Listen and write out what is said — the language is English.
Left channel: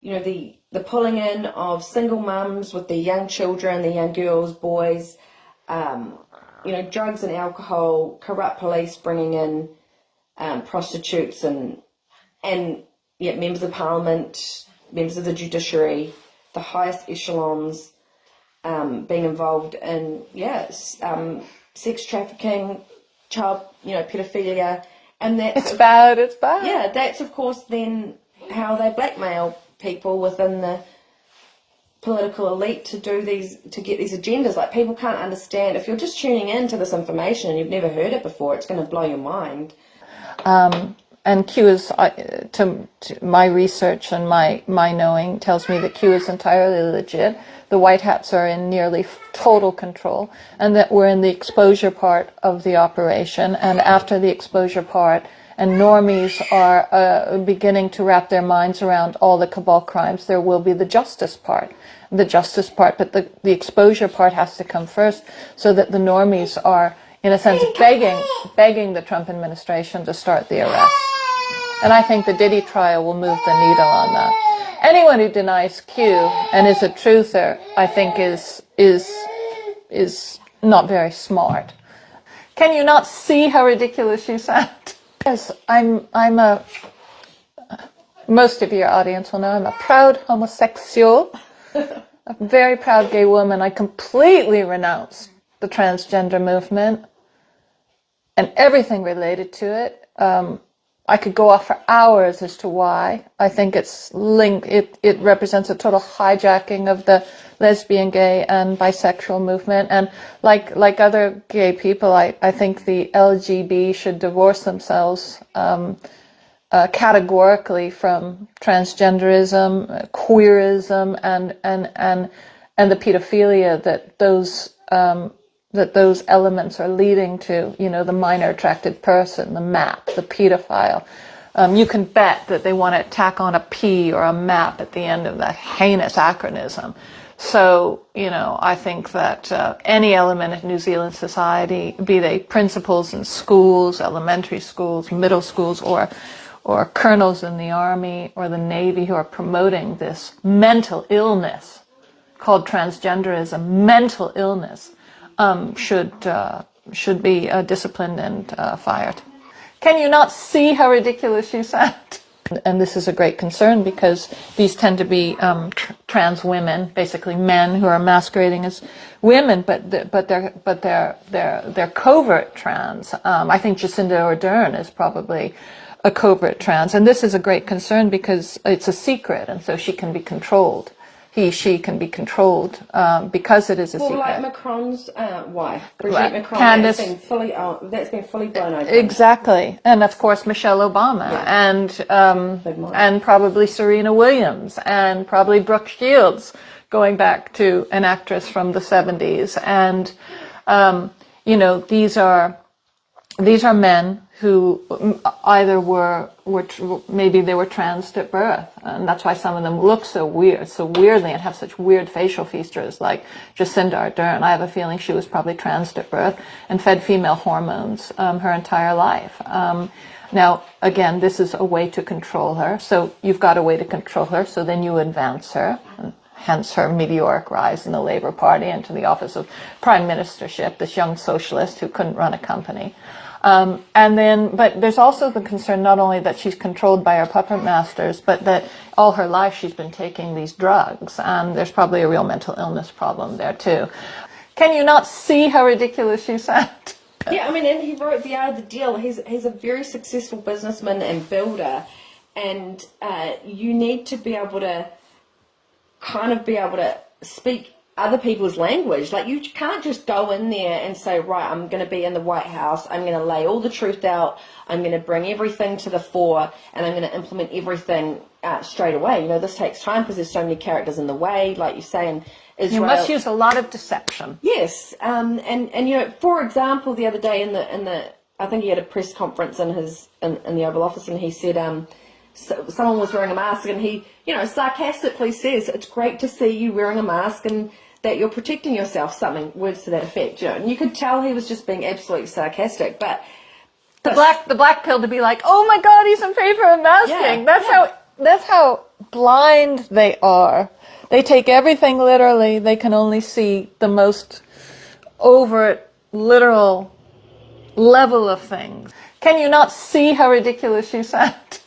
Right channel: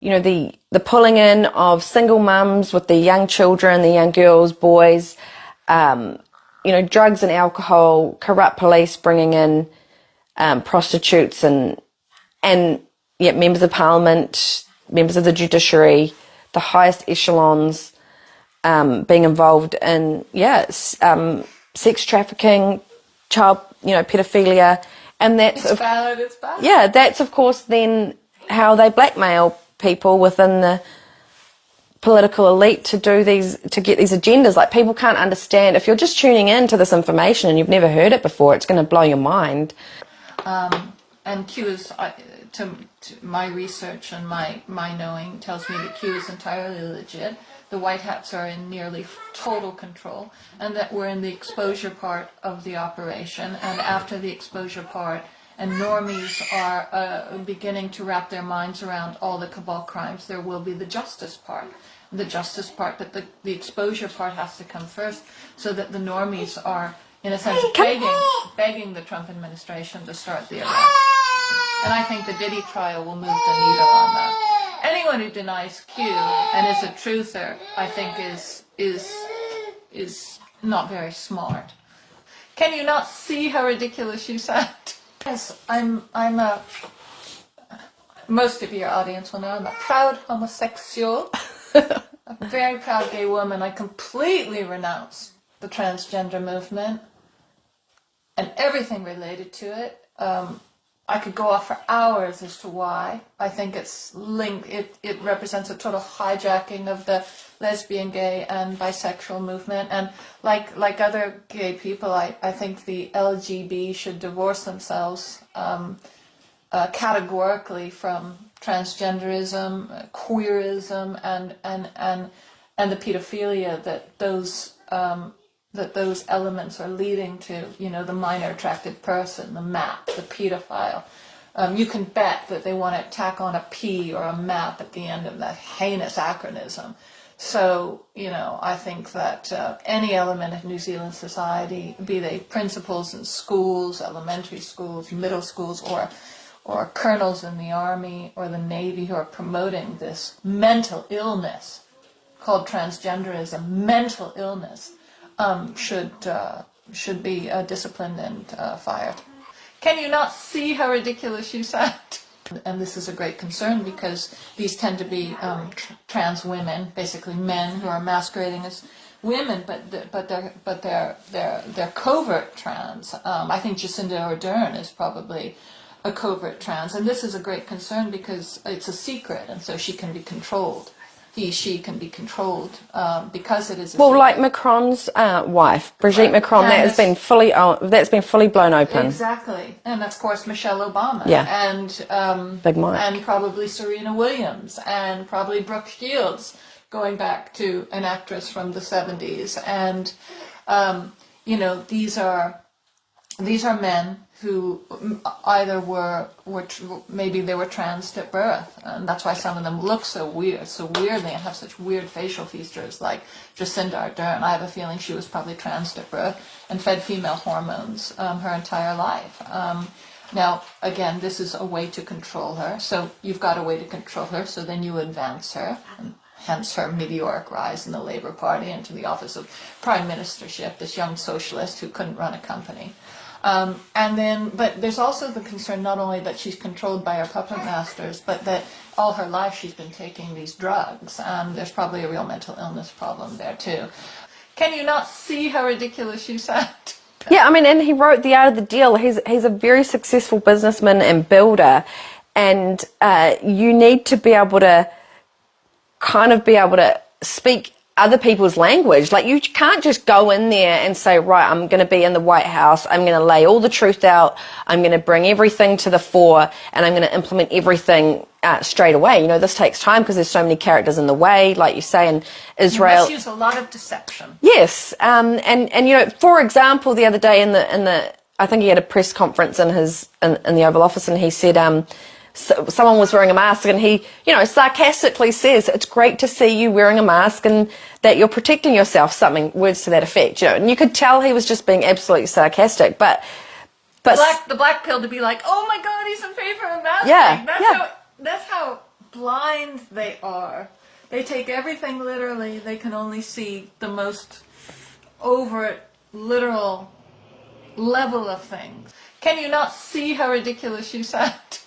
you know, the pulling in of single mums with the young children, the young girls, boys, you know, drugs and alcohol, corrupt police bringing in prostitutes and yeah, members of parliament, members of the judiciary, the highest echelons being involved in, sex trafficking, child, you know, pedophilia. And that's bad, it's bad. Yeah, that's of course then how they blackmail people within the political elite to get these agendas. Like, people can't understand. If you're just tuning in to this information and you've never heard it before, it's going to blow your mind. And Q is, to my research and my knowing, tells me that Q is entirely legit. The White Hats are in nearly total control, and that we're in the exposure part of the operation. And after the exposure part, and normies are beginning to wrap their minds around all the cabal crimes, there will be the justice part. The justice part, but the exposure part has to come first, so that the normies are, in a sense, begging the Trump administration to start the arrest. And I think the Diddy trial will move the needle on that. Anyone who denies Q and is a truther, I think, is not very smart. Can you not see how ridiculous you sound? Yes, most of your audience will know I'm a proud homosexual, a very proud gay woman. I completely renounced the transgender movement and everything related to it. I could go off for hours as to why. I think it's linked. It represents a total hijacking of the lesbian, gay, and bisexual movement. And like other gay people, I think the LGB should divorce themselves categorically from transgenderism, queerism, and the pedophilia that those elements are leading to, you know, the minor attracted person, the MAP, the pedophile. You can bet that they want to tack on a P or a MAP at the end of that heinous acronym. So, you know, I think that any element of New Zealand society, be they principals in schools, elementary schools, middle schools, or colonels in the Army or the Navy who are promoting this mental illness called transgenderism, mental illness, should be disciplined and fired. Can you not see how ridiculous you sound? And this is a great concern because these tend to be trans women, basically men who are masquerading as women, but they're covert trans. I think Jacinda Ardern is probably a covert trans, and this is a great concern because it's a secret, and so she can be controlled. She can be controlled because it is a secret. Well, like Macron's wife, Brigitte Macron, that's been fully blown open. Exactly, and of course Michelle Obama, and probably Serena Williams, and probably Brooke Shields, going back to an actress from the 70s, and you know, these are men who either maybe they were trans at birth, and that's why some of them look so weirdly and have such weird facial features, like Jacinda Ardern. I have a feeling she was probably trans at birth and fed female hormones her entire life. Now, again, this is a way to control her, so you've got a way to control her, so then you advance her, hence her meteoric rise in the Labour Party into the office of prime ministership, this young socialist who couldn't run a company. But there's also the concern not only that she's controlled by her puppet masters, but that all her life she's been taking these drugs. There's probably a real mental illness problem there too. Can you not see how ridiculous you sound? Yeah, I mean, and he wrote The Art of the Deal. He's a very successful businessman and builder, and you need to be able to speak other people's language. Like, you can't just go in there and say, right, I'm going to be in the White House, I'm going to lay all the truth out, I'm going to bring everything to the fore, and I'm going to implement everything straight away. You know, this takes time because there's so many characters in the way, like you say, in Israel. You must use a lot of deception. Yes, and you know, for example, the other day in the I think he had a press conference in the Oval Office, and he said, someone was wearing a mask, and he, you know, sarcastically says, "It's great to see you wearing a mask and that you're protecting yourself," words to that effect, you know. And you could tell he was just being absolutely sarcastic, but the black pill to be like, "Oh my God, he's in favor of masking." That's how blind they are. They take everything literally. They can only see the most overt, literal level of things. Can you not see how ridiculous you sound?